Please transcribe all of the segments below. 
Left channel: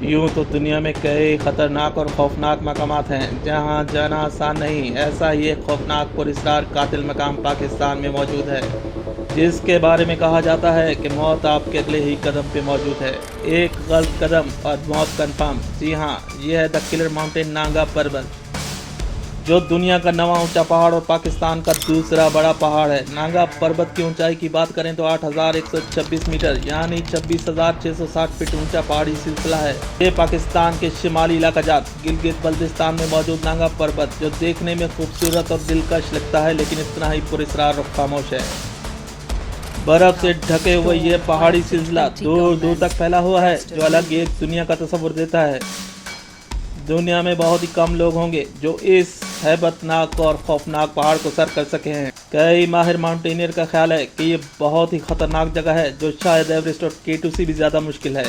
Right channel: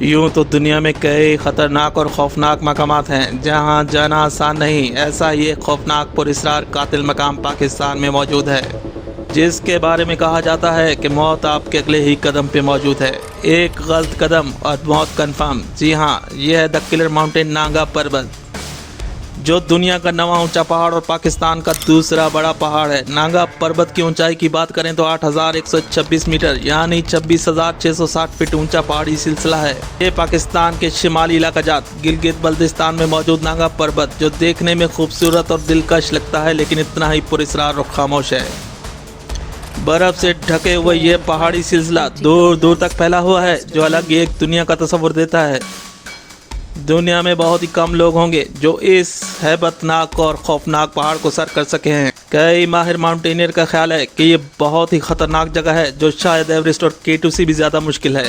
यूं तो दुनिया में कई खतरनाक और खौफनाक मकामात हैं जहां जाना आसान नहीं। ऐसा ही एक खौफनाक पुरस्कार कातिल मकाम पाकिस्तान में मौजूद है, जिसके बारे में कहा जाता है कि मौत आपके अगले ही कदम पे मौजूद है। एक गलत कदम और मौत कंफर्म। जी हाँ, यह है द किलर माउंटेन नांगा पर्वत, जो दुनिया का 9वां ऊंचा पहाड़ और पाकिस्तान का दूसरा बड़ा पहाड़ है। नांगा पर्वत की ऊंचाई की बात करें तो 8,126 मीटर यानी 26,660 फीट ऊंचा पहाड़ी सिलसिला है। ये पाकिस्तान के शिमाली इलाका जात गिलगित बल्तिस्तान में मौजूद नांगा पर्वत, जो देखने में खूबसूरत और दिलकश लगता है, लेकिन इतना ही पुरस्कार और खामोश है। बर्फ से ढके हुए ये पहाड़ी सिलसिला दूर दूर तक फैला हुआ है, जो अलग एक दुनिया का तस्वर देता है। दुनिया में बहुत ही कम लोग होंगे जो इस हैबतनाक और खौफनाक पहाड़ को सर कर सके हैं। कई माहिर माउंटेनियर का ख्याल है कि ये बहुत ही खतरनाक जगह है, जो शायद एवरेस्ट और K2 से भी ज़्यादा मुश्किल है।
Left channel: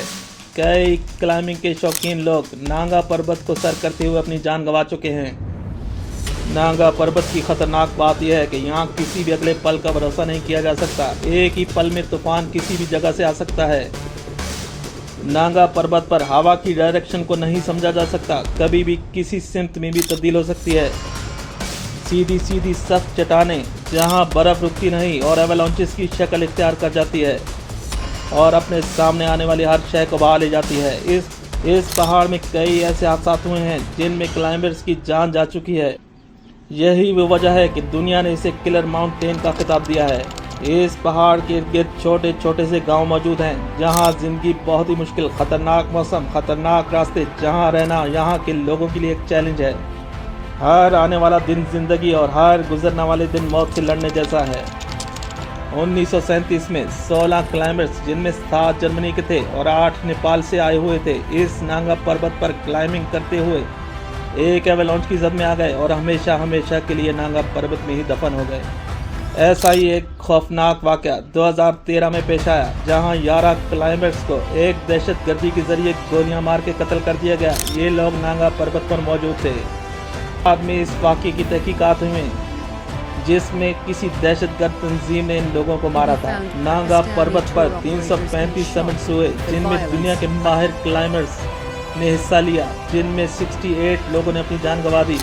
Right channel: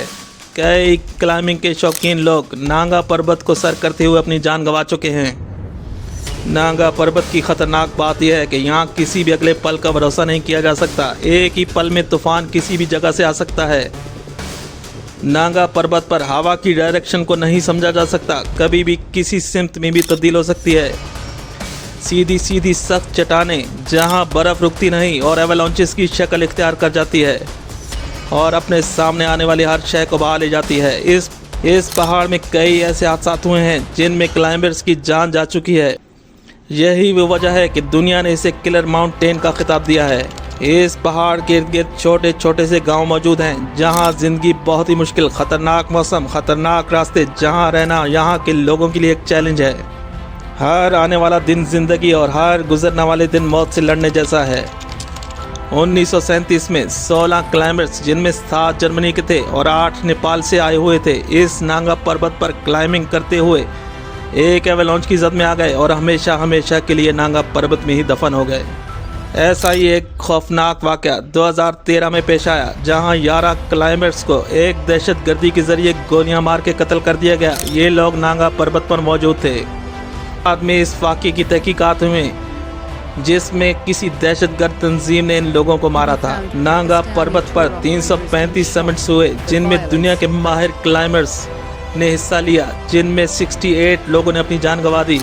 कई क्लाइंबिंग के शौकीन लोग नांगा पर्वत को सर करते हुए अपनी जान गंवा चुके हैं। नांगा पर्वत की खतरनाक बात यह है कि यहाँ किसी भी अगले पल का भरोसा नहीं किया जा सकता। एक ही पल में तूफान किसी भी जगह से आ सकता है। नांगा पर्वत पर हवा की डायरेक्शन को नहीं समझा जा सकता, कभी भी किसी सिमत में भी तब्दील हो सकती है। सीधी सीधी सख्त चट्टानें जहां बर्फ रुकती नहीं और एवलांचेस की शक्ल इख्तियार कर जाती है और अपने सामने आने वाली हर शय को बहा ले जाती है। इस पहाड़ में कई ऐसे हादसा हुए हैं जिनमें क्लाइंबर्स की जान जा चुकी है। यही वो वजह है कि दुनिया ने इसे किलर माउंटेन का खिताब दिया है। इस पहाड़ के इर्द गिर्द छोटे छोटे से गांव मौजूद हैं, जहां जिंदगी बहुत ही मुश्किल, खतरनाक मौसम, खतरनाक रास्ते, जहां रहना यहां के लोगों के लिए एक चैलेंज है। हर आने वाला दिन जिंदगी और हर गुजरने वाले दिन मौत से लड़ने जैसा है। 1937 में 16 क्लाइंबर्स, जिनमें 7 जर्मनी के थे और 8 नेपाल से आए हुए थे, इस नांगा पर्वत पर क्लाइंबिंग करते हुए एक एवलांच की जद में आ गए और हमेशा हमेशा के लिए नांगा पर्वत में ही दफन हो गए। ऐसा ही एक खौफनाक वाक़या 2013 में पेश आया, जहां 11 क्लाइंबर्स को एक दहशतगर्दी के जरिए गोलियां मार के कत्ल कर दिया गया। ये लोग नांगा पर्वत पर मौजूद थे। बाद में इस वाक़े की तहकीकात हुई, जिसमें किसी दहशतगर्द तंजीम ने इन लोगों को मारा था। नांगा पर्वत पर 335 समिट्स हुए, जिनमें दुनिया के माहिर क्लाइंबर्स ने हिस्सा लिया, जिनमें 68 लोगों ने अपनी जान गंवा दी।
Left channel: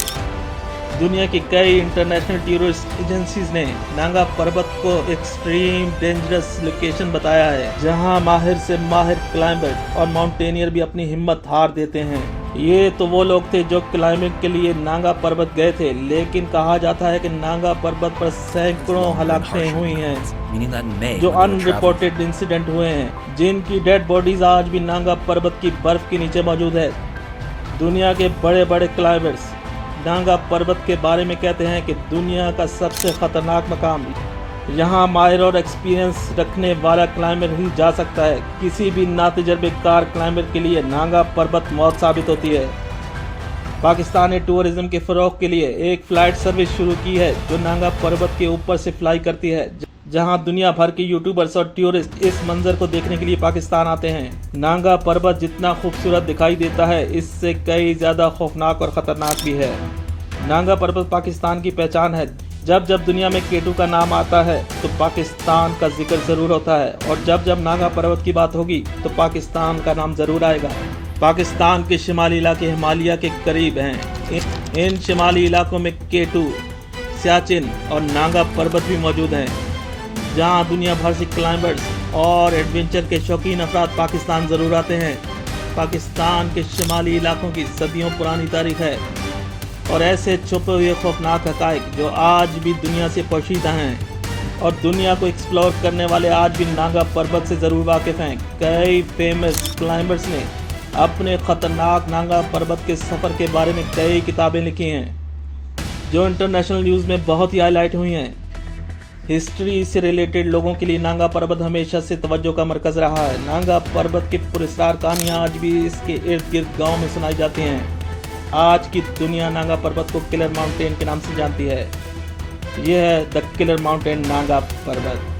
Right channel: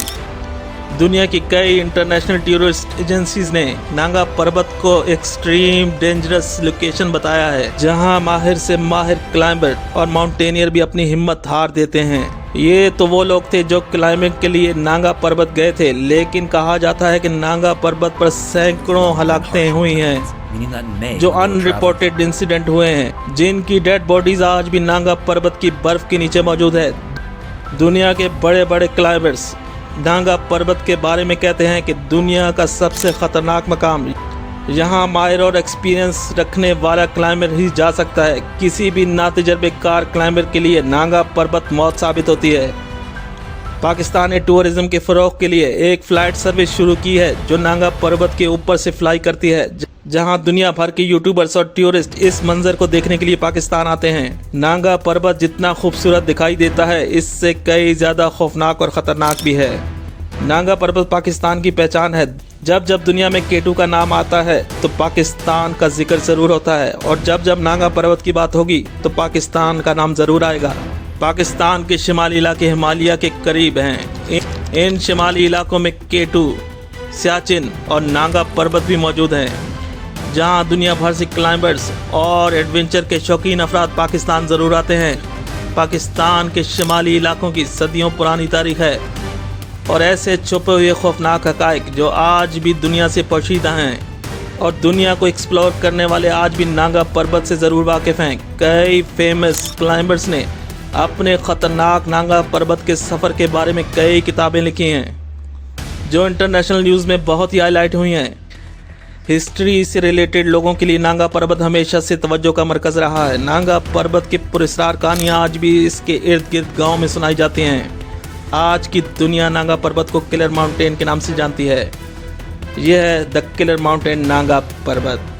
दुनिया की कई इंटरनेशनल टूरिस्ट एजेंसीज ने नांगा पर्वत को एक्सट्रीम डेंजरस लोकेशन बताया है, जहां माहिर से माहिर क्लाइंबर और माउंटेनियर भी अपनी हिम्मत हार देते हैं। ये तो वो लोग थे जो क्लाइंबिंग के लिए नांगा पर्वत गए थे, लेकिन कहा जाता है कि नांगा पर्वत पर सैकड़ों हलाकतें हुई हैं, जो अनरिपोर्टेड इंसिडेंट हुए हैं, जिनकी डेड बॉडीज आज भी नांगा पर्वत की बर्फ के नीचे मौजूद है। दुनिया के बड़े बड़े क्लाइंबर्स नांगा पर्वत के बारे में कहते हैं कि दुनिया का सबसे खतरनाक मकाम, यहाँ माहिर और एक्सपीरियंस रखने वाला क्लाइंबर ही जा सकता है। किसी भी नातजुर्बेकार क्लाइंबर के लिए नांगा पर्वत मौत साबित होती है। पाकिस्तान ने टूरिज्म के फ़रोग के लिए एक फ़्लाइट सर्विस शुरू की है, जो नांगा पर्वत के ऊपर से फ्लाई करती है, जहां दुनिया भर के यूट्यूबर्स और टूरिस्ट इस मंजर को देखने के लिए पाकिस्तान आते हैं। नांगा पर्वत जितना खूबसूरत दिखाई देता है, इससे कई ज़्यादा खौफनाक और ख़तरनाक भी है। नांगा पर्वत पाकिस्तान की पहचान है। जब जब दुनिया में K2 का नाम आता है तो पाकिस्तान का जिक्र ज़रूर होता है, और जब जब नांगा पर्वत की बात होगी तो पाकिस्तान का नाम ज़रूर आएगा। पाकिस्तान के शिमाली इलाके हिमालय के करीब हैं। इन शिमाली इलाकों में K2, सियाचिन और नांगा पर्वत भी मौजूद हैं, जहां दुनिया भर से क्लाइंबर्स और एडवेंचर के शौकीन अफराद पाकिस्तान ज़रूर आते हैं। पाकिस्तान के शिमाली इलाकों की सदियों पुरानी तारीख है और ऐसे छुपे हुए खौफनाक हक़ाइक़ जो आज भी दुनिया से पोशीदा हैं और दुनिया को एक्सप्लोर करने वाले आज भी नांगा पर्वत से ज़रूर वाकिफ़ हैं। कई फेमस क्लाइंबर्स ने अपने ख़तरनाक नांगा पर्वत के सफ़र के बारे में कई किताबें लिखी हैं, जो इंटरनेशनल न्यूज़ में बहुत ही हाईलाइट हुई हैं। हिस्ट्री से रिलेटेड लोगों के लिए नांगा पर्वत हमेशा से तवज्जो का मरकज़ रहा है। नांगा पर्वत की पुरस्कार कहानियाँ आज भी इसके इर्द गिर्द गाँव में सुनाई जाती हैं। आज की दुनिया नांगा पर्वत को किलर माउंटेन के नाम से जानती है। यह है द किलर माउंटेन नांगा पर्वत।